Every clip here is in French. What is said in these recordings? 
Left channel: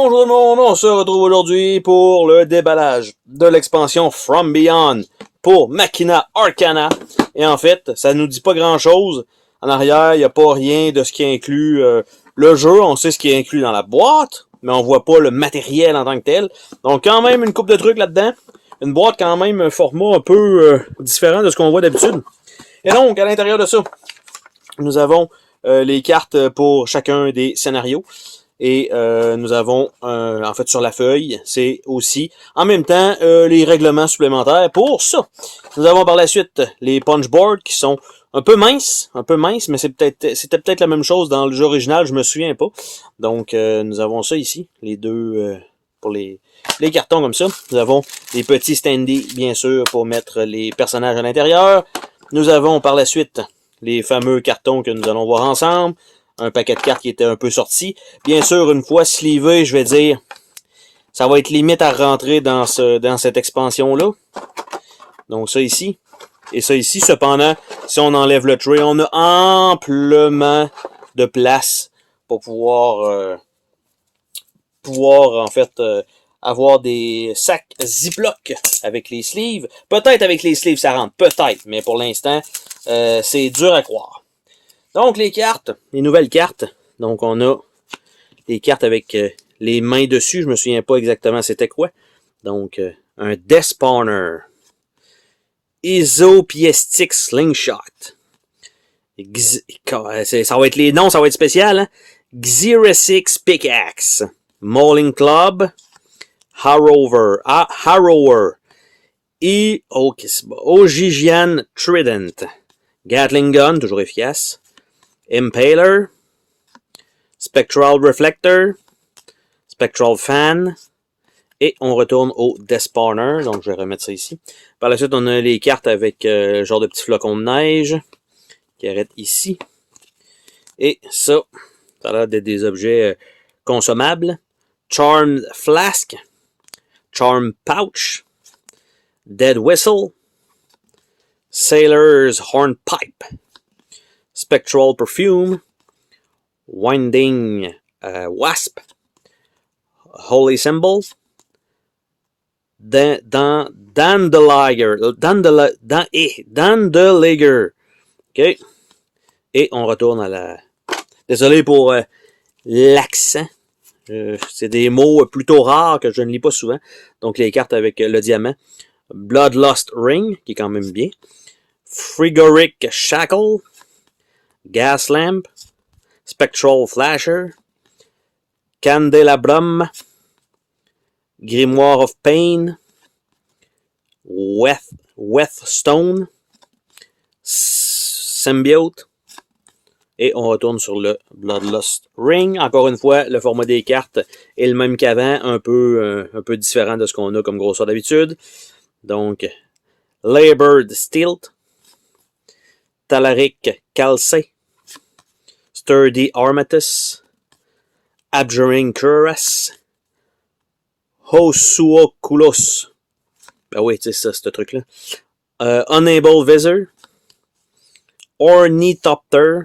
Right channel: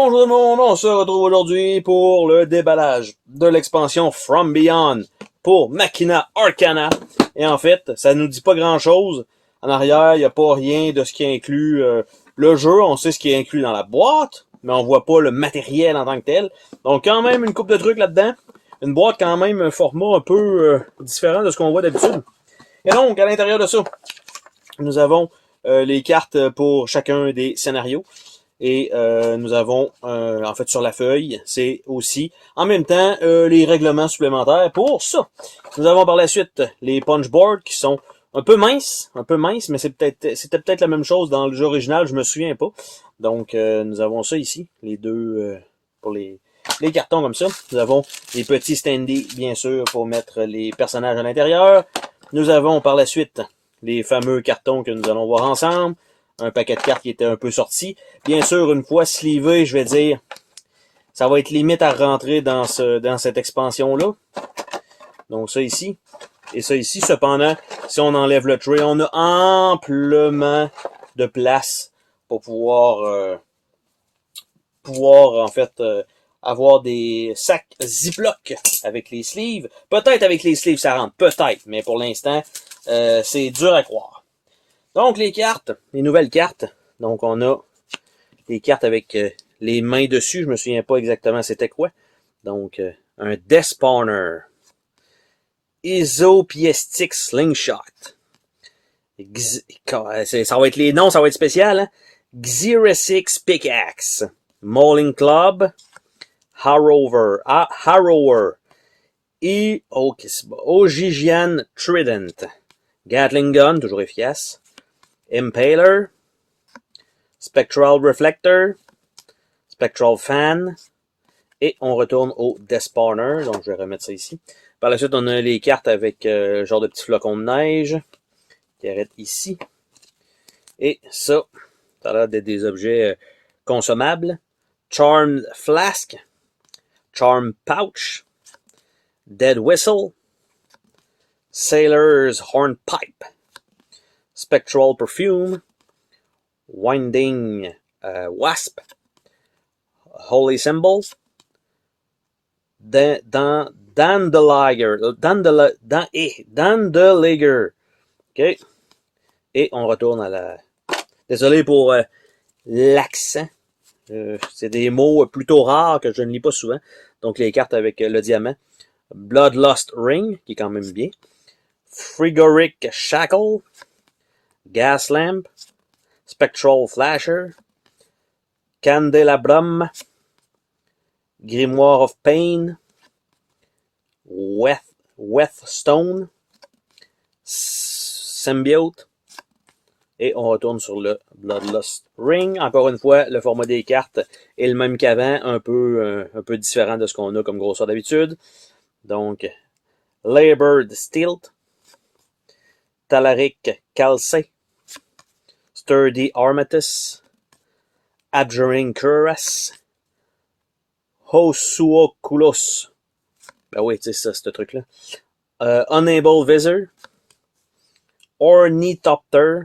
bonjour tout le monde, on se retrouve aujourd'hui pour le déballage de l'expansion From Beyond pour Machina Arcana. Et en fait, ça nous dit pas grand chose. En arrière, il n'y a pas rien de ce qui inclut le jeu. On sait ce qui est inclus dans la boîte, mais on voit pas le matériel en tant que tel. Donc quand même une couple de trucs là-dedans. Une boîte quand même un format un peu différent de ce qu'on voit d'habitude. Et donc, à l'intérieur de ça, nous avons les cartes pour chacun des scénarios. Et nous avons, en fait, sur la feuille, c'est aussi, en même temps, les règlements supplémentaires pour ça. Nous avons par la suite les punchboards qui sont un peu minces, mais c'était peut-être la même chose dans le jeu original, je me souviens pas. Donc, nous avons ça ici, les deux, pour les cartons comme ça. Nous avons des petits standees, bien sûr, pour mettre les personnages à l'intérieur. Nous avons par la suite les fameux cartons que nous allons voir ensemble. Un paquet de cartes qui était un peu sorti. Bien sûr, une fois slivé, je vais dire, ça va être limite à rentrer dans cette expansion-là. Donc ça ici. Et ça ici, cependant, si on enlève le tray, on a amplement de place pour pouvoir en fait, avoir des sacs Ziploc avec les sleeves. Peut-être avec les sleeves ça rentre, peut-être, mais pour l'instant, c'est dur à croire. Donc, les cartes, les nouvelles cartes. Donc, on a les cartes avec les mains dessus. Je me souviens pas exactement c'était quoi. Donc, un Death Spawner. Isopiestic Slingshot. Ça va être les noms, ça va être spécial. Hein? Xerisix Pickaxe. Mauling Club. Harrower. Ogigian Trident. Gatling Gun, toujours efficace. Impaler, Spectral Reflector, Spectral Fan, et on retourne au Death Spawner, donc je vais remettre ça ici. Par la suite, on a les cartes avec genre de petits flocons de neige, qui arrêtent ici. Et ça a l'air d'être des objets consommables. Charmed Flask, Charmed Pouch, Dead Whistle, Sailor's Hornpipe, Spectral Perfume, Winding Wasp, Holy Symbol, Dandeliger. OK. Et on retourne à la... Désolé pour l'accent. C'est des mots plutôt rares que je ne lis pas souvent. Donc les cartes avec le diamant. Bloodlust Ring, qui est quand même bien. Frigoric Shackle. Gas Lamp, Spectral Flasher, Candelabrum, Grimoire of Pain, Wethstone, Symbiote, et on retourne sur le Bloodlust Ring. Encore une fois, le format des cartes est le même qu'avant, un peu différent de ce qu'on a comme grosseur d'habitude. Donc, Labored Stilt, Talaric Calcé, Sturdy Armatus, Abjuring Cuirass, Hosuokulos. Ben oui, c'est ça, ce truc-là. Unable Visor, Ornithopter.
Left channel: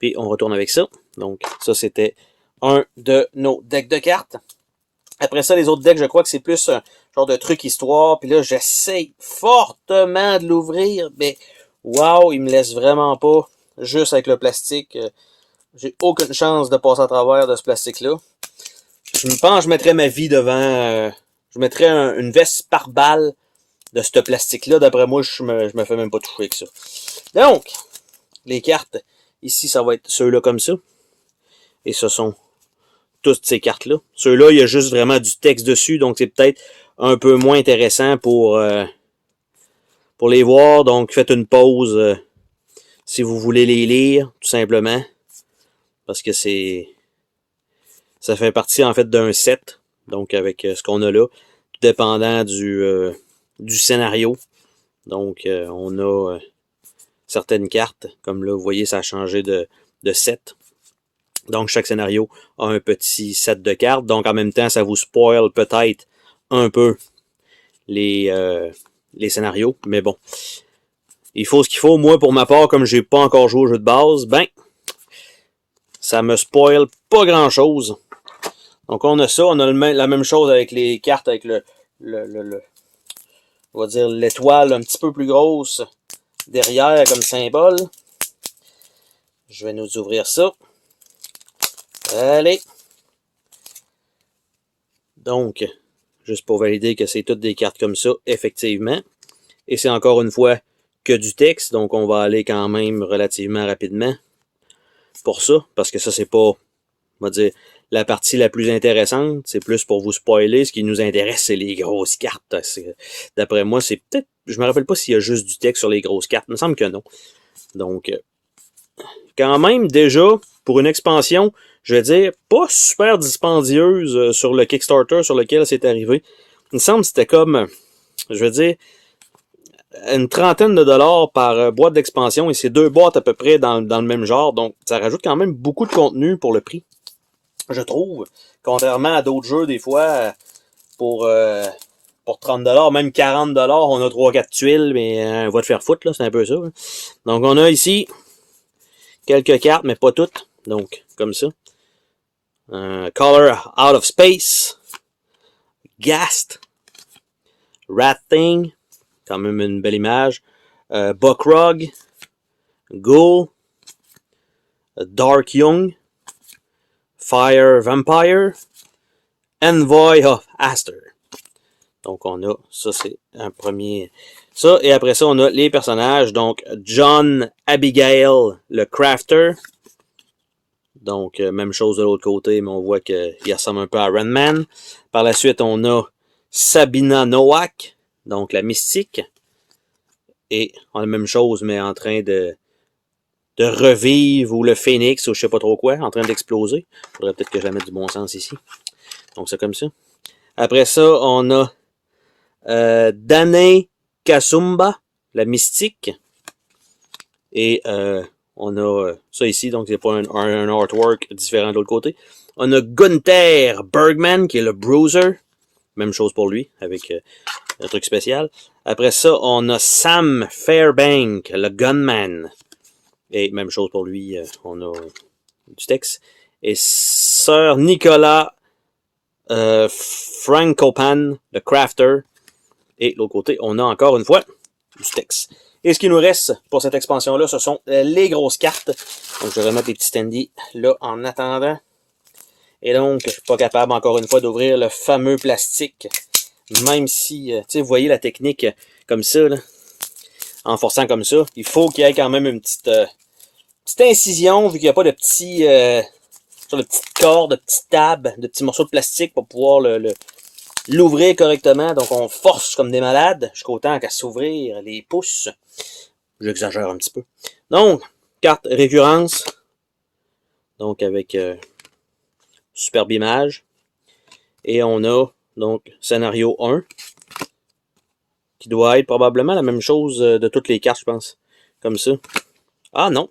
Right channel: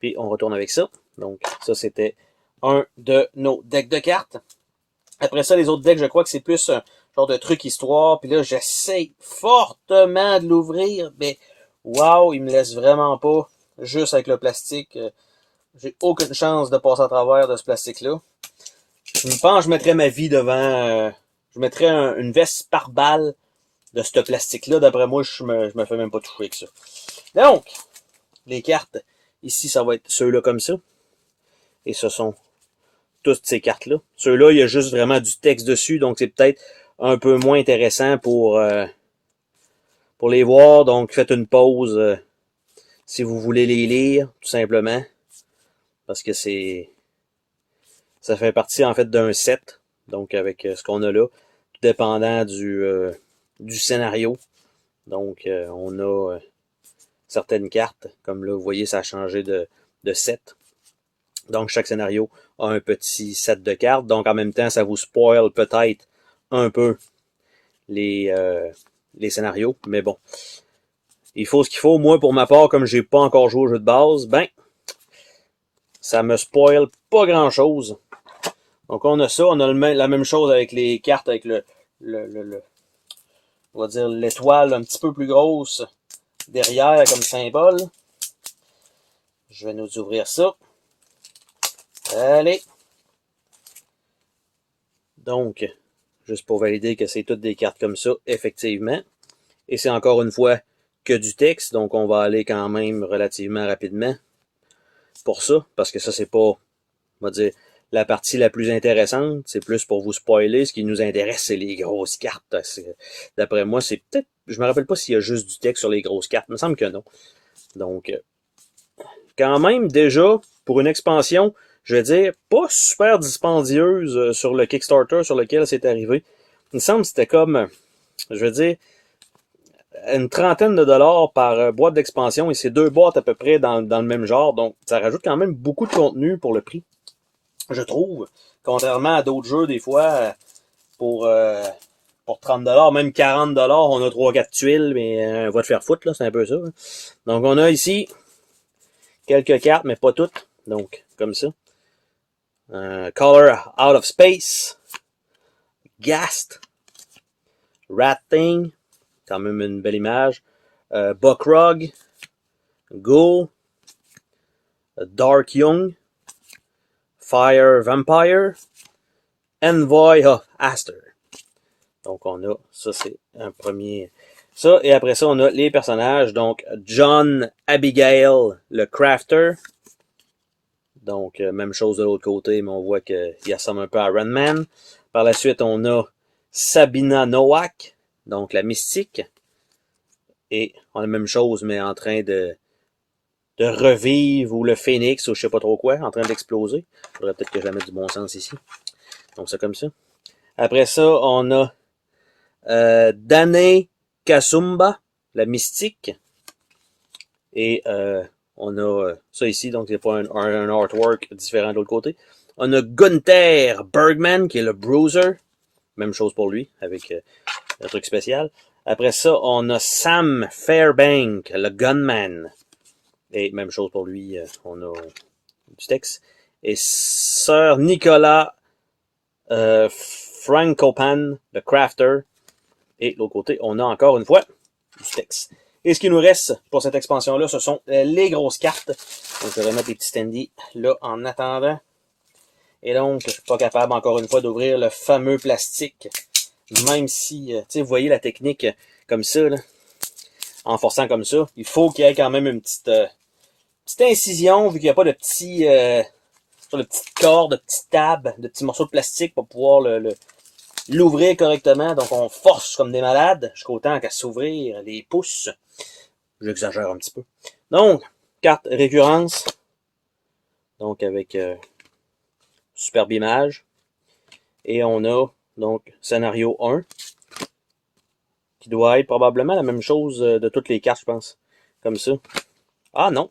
Puis on retourne avec ça. Donc, ça, c'était un de nos decks de cartes. Après ça, les autres decks, je crois que c'est plus un genre de truc histoire. Puis là, j'essaye fortement de l'ouvrir, mais wow, il me laisse vraiment pas. Juste avec le plastique, j'ai aucune chance de passer à travers de ce plastique-là. Je me pense que je mettrais ma vie devant... je mettrais une veste par balle de ce plastique-là. D'après moi, je me fais même pas toucher avec ça. Donc, les cartes, ici, ça va être ceux-là comme ça. Et ce sont toutes ces cartes-là. Ceux-là, il y a juste vraiment du texte dessus, donc c'est peut-être un peu moins intéressant pour les voir. Donc, faites une pause... si vous voulez les lire, tout simplement, parce que ça fait partie en fait d'un set, donc avec ce qu'on a là, tout dépendant du scénario. Donc on a certaines cartes, comme là vous voyez ça a changé de set. Donc chaque scénario a un petit set de cartes, donc en même temps ça vous spoil peut-être un peu les scénarios, mais bon. Il faut ce qu'il faut. Moi, pour ma part, comme j'ai pas encore joué au jeu de base, ben, ça me spoil pas grand-chose. Donc on a ça, on a la même chose avec les cartes avec on va dire l'étoile un petit peu plus grosse derrière comme symbole. Je vais nous ouvrir ça. Allez. Donc, juste pour valider que c'est toutes des cartes comme ça, effectivement. Et c'est encore une fois que du texte, donc on va aller quand même relativement rapidement pour ça, parce que ça c'est pas, on va dire, la partie la plus intéressante, c'est plus pour vous spoiler. Ce qui nous intéresse, c'est les grosses cartes. D'après moi, c'est peut-être, je me rappelle pas s'il y a juste du texte sur les grosses cartes, il me semble que non. Donc, quand même, déjà, pour une expansion, je vais dire, pas super dispendieuse sur le Kickstarter sur lequel c'est arrivé. Il me semble que c'était comme, je veux dire, une trentaine de dollars par boîte d'expansion, et c'est 2 boîtes à peu près dans le même genre, donc ça rajoute quand même beaucoup de contenu pour le prix, je trouve. Contrairement à d'autres jeux, des fois, pour 30 dollars, même 40 dollars, on a 3-4 tuiles, mais va te faire foutre, là, c'est un peu ça. Hein. Donc on a ici quelques cartes, mais pas toutes, donc comme ça. Color Out of Space, Ghast, Rat Thing, quand même une belle image, Buckrug, Ghoul, Dark Young, Fire Vampire, Envoy of Aster. Donc on a, ça c'est un premier, ça, et après ça on a les personnages, donc John Abigail, le Crafter, donc même chose de l'autre côté, mais on voit qu'il ressemble un peu à Iron Man. Par la suite on a Sabina Nowak, donc la mystique, et on a la même chose, mais en train de revivre, ou le phénix, ou je sais pas trop quoi, en train d'exploser. Faudrait peut-être que je la mette du bon sens ici. Donc c'est comme ça. Après ça, on a Dane Kasumba, la mystique. Et on a ça ici, donc c'est pas un artwork différent de l'autre côté. On a Gunther Bergman, qui est le Bruiser. Même chose pour lui, avec un truc spécial. Après ça, on a Sam Fairbank, le Gunman. Et même chose pour lui, on a du texte. Et Sir Nicolas Frankopan, le Crafter. Et de l'autre côté, on a encore une fois du texte. Et ce qui nous reste pour cette expansion-là, ce sont les grosses cartes. Donc, je vais remettre les petits standees là en attendant. Et donc, je suis pas capable encore une fois d'ouvrir le fameux plastique. Même si, tu sais, vous voyez la technique comme ça, là, en forçant comme ça, il faut qu'il y ait quand même une petite incision, vu qu'il n'y a pas de petits, de petites cordes, de petites tables, de petits morceaux de plastique pour pouvoir l'ouvrir correctement. Donc on force comme des malades jusqu'au temps qu'à s'ouvrir les pouces. J'exagère un petit peu. Donc, carte récurrence. Donc avec superbe image. Et on a donc scénario 1. Qui doit être probablement la même chose de toutes les cartes, je pense. Comme ça. Ah non.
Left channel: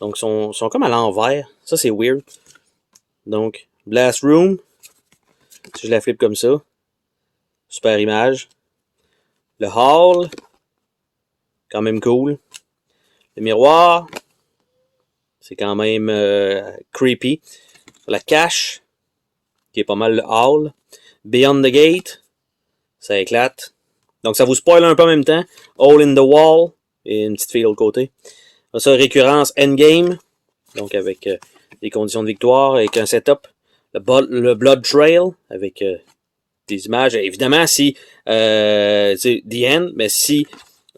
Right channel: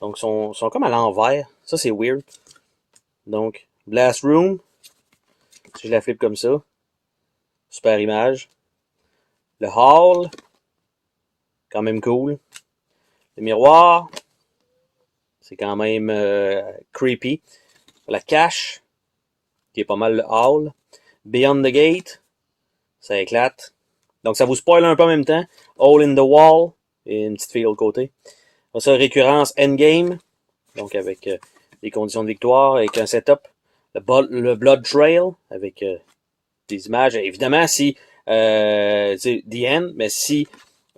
Donc ils sont comme à l'envers. Ça c'est weird. Donc, Blast Room. Si je la flippe comme ça. Super image. Le Hall. Quand même cool. Le miroir. C'est quand même creepy. La cache. Qui est pas mal le Hall. Beyond the Gate. Ça éclate. Donc ça vous spoil un peu en même temps. Hole in the Wall. Et une petite fille de l'autre côté. Ça, récurrence Endgame. Donc avec des conditions de victoire. Avec un setup. Le Blood Trail. Avec des images. Évidemment, si c'est The End, mais si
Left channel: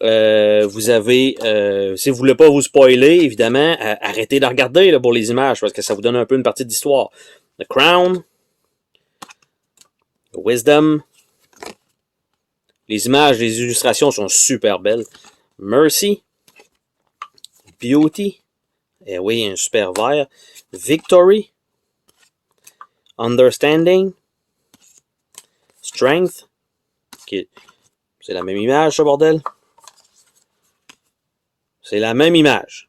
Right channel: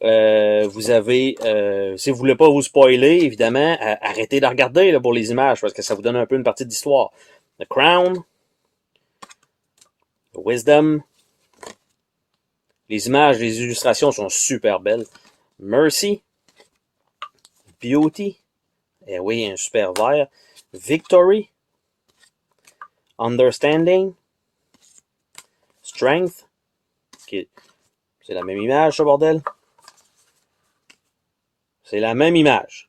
vous avez si vous voulez pas vous spoiler, évidemment, arrêtez de regarder là, pour les images, parce que ça vous donne un peu une partie d'histoire. The Crown, The Wisdom, les images, les illustrations sont super belles. Mercy, Beauty, et oui, un super vert. Victory, Understanding, Strength, c'est la même image, ce bordel. C'est la même image.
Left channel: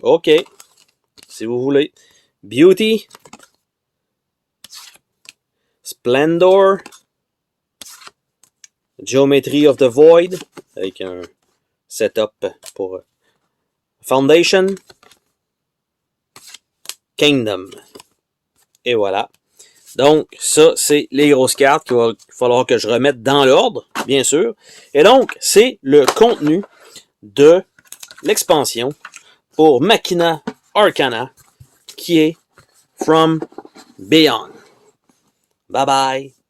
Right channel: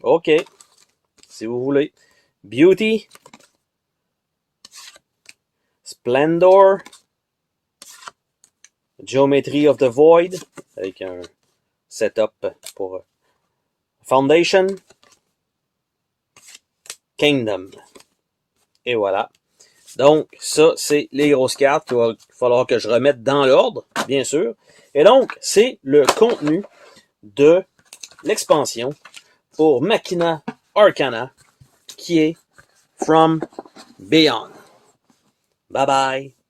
OK. Si vous voulez. Beauty. Splendor. Geometry of the Void. Avec un setup pour Foundation. Kingdom. Et voilà. Donc, ça, c'est les grosses cartes qu'il va falloir que je remette dans l'ordre, bien sûr. Et donc, c'est le contenu de l'expansion pour Machina Arcana, qui est From Beyond. Bye bye!